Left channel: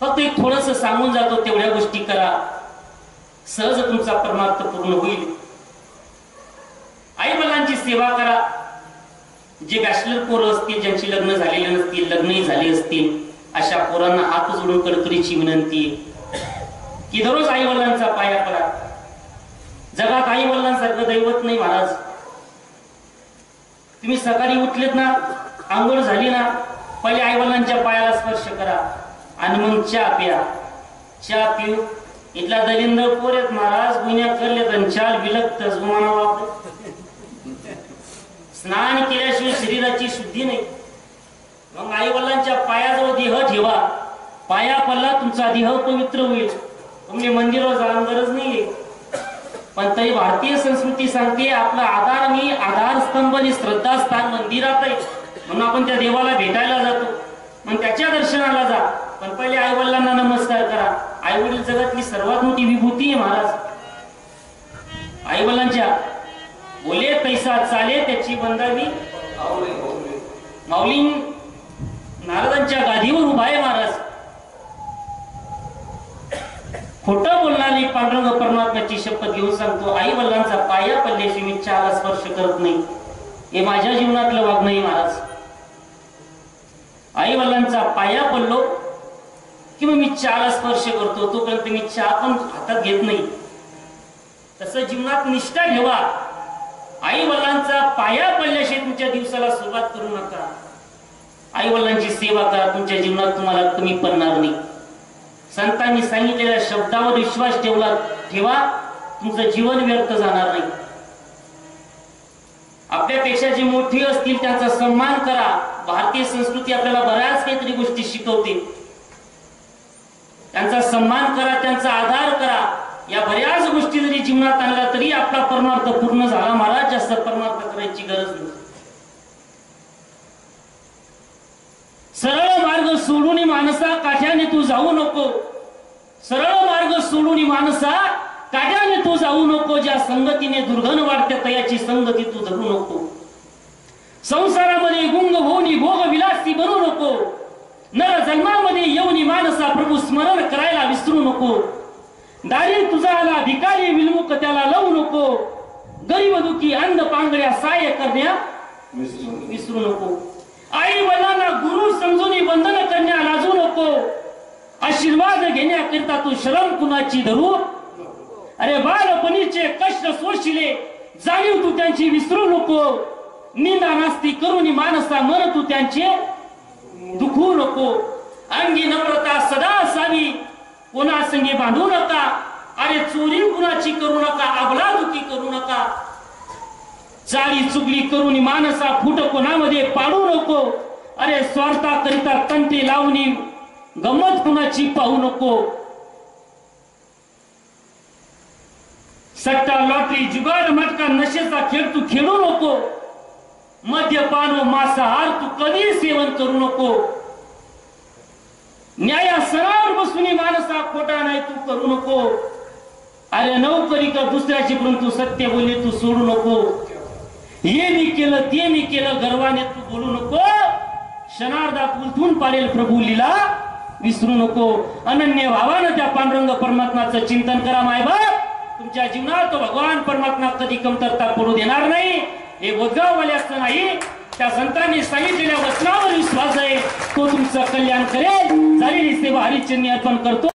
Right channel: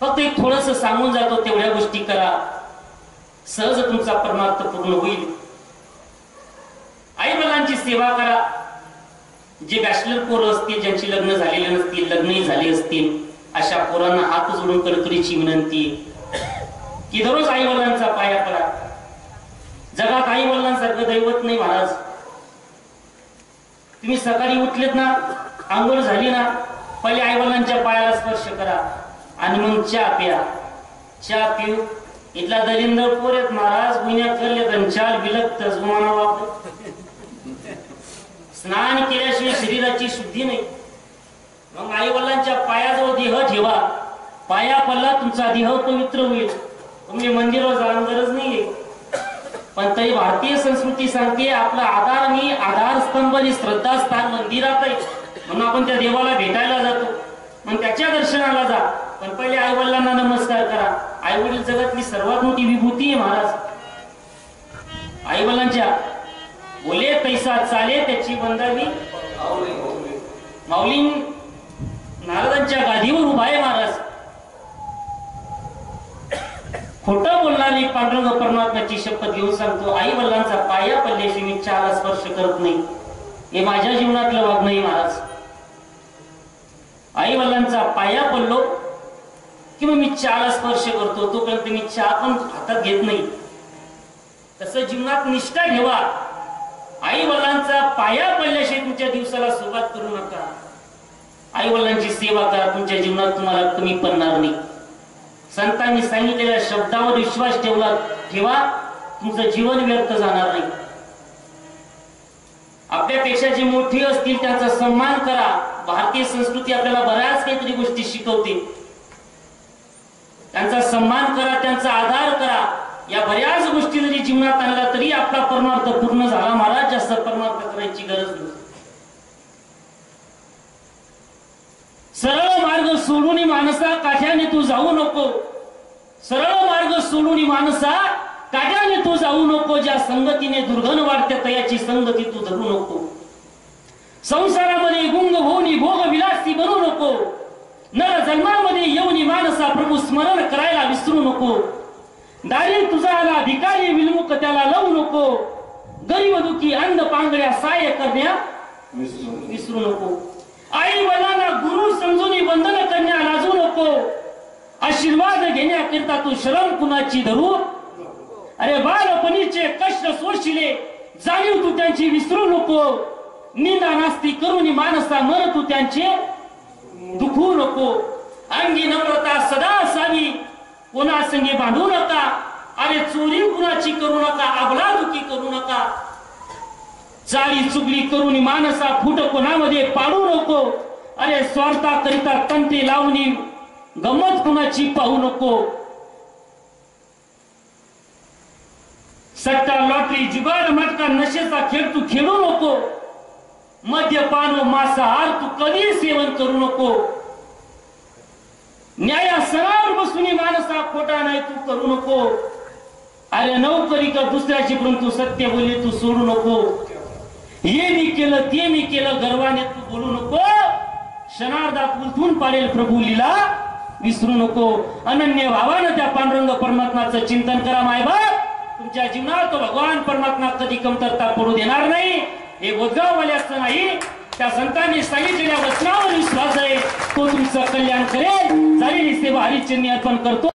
फक्त एक थोडंसं सांगून जातो, तेवढ्या गोष्टी करा, सहज तुमचा परमार्थ पूर्ण होईल. आई वडिलांची सेवा करा. जे बॅचलर पोरं असतील, ज्यांची लग्न झालेले नसतील, लग्नही झाले असतील, अशा पोरांना हात जोडून कळकळीची विनंती की दररोज आई वडिलांचा पाया पडा. जगात आई वडिलांसारखं दैवत नाही महाराज. तुम्ही सकाळी उठलेत ना, आंघोळ झाली ना, पहिले आई वडिलांच्या पायाला स्पर्श करा आणि मग चहा प्या. चहा पिऊ इथला दलिंदर पोरेत महाराज, गुन्ह्या करलेत आणि चाल विलगत जुमाना वापर. स्नान केल्याशिवाय शरीराची शुद्धी नाही. मग आई वडिलांच्या पायाजवळ देह ठेवा. पाया पडला तुमचा देह पवित्र होईल. तुम्ही मंदिरावर जाणं गरज नाहीये. पण तरी भारतीय संस्कृती सांगते आपला आधार मी आधारस्तंभ आणि श्रद्धास्थान मंदिरात आहे, म्हणून आपण त्या देवाला भेटायला जातो, मग त्याच्या दर्शनाला जा. पण पहिले आई वडिलांना नमस्कार करा. आई वडील जगातली सर्वात मोठी विभूती आहे महाराज. आई वडिलांच्या बोले पैसा चाले त्याची बंदावी माऊली नारदांच्या गादीवर उभा आहे महाराज. खोटं बोलणारी पांडुरंग परमात्म्याची शपथ घेऊन सांगतो, आई वडिलांचा पाया पडल्याशी मी चहाला स्पर्श करत नाही. हे माझ्या जीवनातलं वागणं आहे महाराज. आई वडिलांचा पाया पडलो की मग मी चहाला स्पर्श करतो. तोपर्यंत मी चहा पण हातात घेत नाही. तसं जीवनात निष्ठा ठेवा. आई वडिलांचा पाया पडल्याशिवाय तुमच्या दिवसाला सुरुवात करू नका. आई वडिलांची सेवा करा. तुमच्या जीवनात तुम्हाला कमी पडणार नाही. संतांनी सांगितलेल्या शब्दावर विश्वास ठेवा, तुमचं जीवन व्यर्थ जाणार नाही. आपल्यापेक्षा जे मोठे असतील त्यांचा सन्मान करा. भारतीय संस्कृती आपल्याला बऱ्याच काहीतरी गोष्टी शिकवते. त्यांचा सन्मान करा, त्यांचा आदर करा. या बऱ्याच गोष्टी जरी जीवनात आणल्या तरी आपला परमार्थ पूर्ण झाला महाराज. जास्त परमार्थ करायची गरज नाही. सरळ मार्ग सोडून माणसा काठ्याने तू जाऊ नको. सरळ मार्ग सोडून माणसा काठ्याने तू जाऊ नको. ज्या संगतीने दुर्गण वाढते तयाची संगती तू धरू नको. संसारामध्ये गुंग होऊन भोग विलासी बनू नको. नर जन्मामध्ये येऊन माणसा प्रभू स्मरण करायला विसरू नको. दारी तुझा आला भिकारी विलमुख त्याला लावू नको. गरीब दुखी अंध पांगड्या सहाय्य करण्या विसरू नको. आई वडिलांना गुरु समजून बंधन करण्या लाजू नको. आशीर्वाद घेण्याकरिता तू शरण कुणाची धरू. अरे बालपणीचे कष्ट सोडशिले जाणीव तू त्यांची विसरू नको. निंदा नास्ती करून माणसा मन तू त्यांचे दुखू नको. अंगी नम्रता सदा असावी, कोणासंगी भांडू नका. अरे चोरी कुणाची करू नका, अबलादुकी करू नका. चाळी चुगली करून माणसा फुट कोणामध्ये पाडू नको. अरे स्वार्था करिता तंते लावणी गमत कुणाची पाहू नको. सट्टा लॉटरी जुगार मटका नशेचा खेळ तू खेळू नको. मद्यपान व मांसाहार तू कधी सेवन करू नको. न्यायासनावर बसून माणसा खोटा नाही तू करू नको. अरे नोकरी का दुसऱ्याची परंतु सत्य बोलले तू सोडू नको. हे मी केलं ते मी केलं गर्वाने तू बोलू नको. क्षणार्धात उलथून पाडेल प्रभू लीला विसरू नको. अनन्य भावानं त्या पांडुरंग परमात्म्याचं चिंतन करा. मायबाप तुमच्या जीवनात तो भगवान परमात्मा कधी कमतरता पडू देणार नाही. हे गोदगाववाल्याचं नाही, त्या संतांनी सांगितलेल्या वचनावर विश्वास आहे. तो तुमचं कल्याण करेल. झालेली सेवा हरिचरणी अर्पण करतो.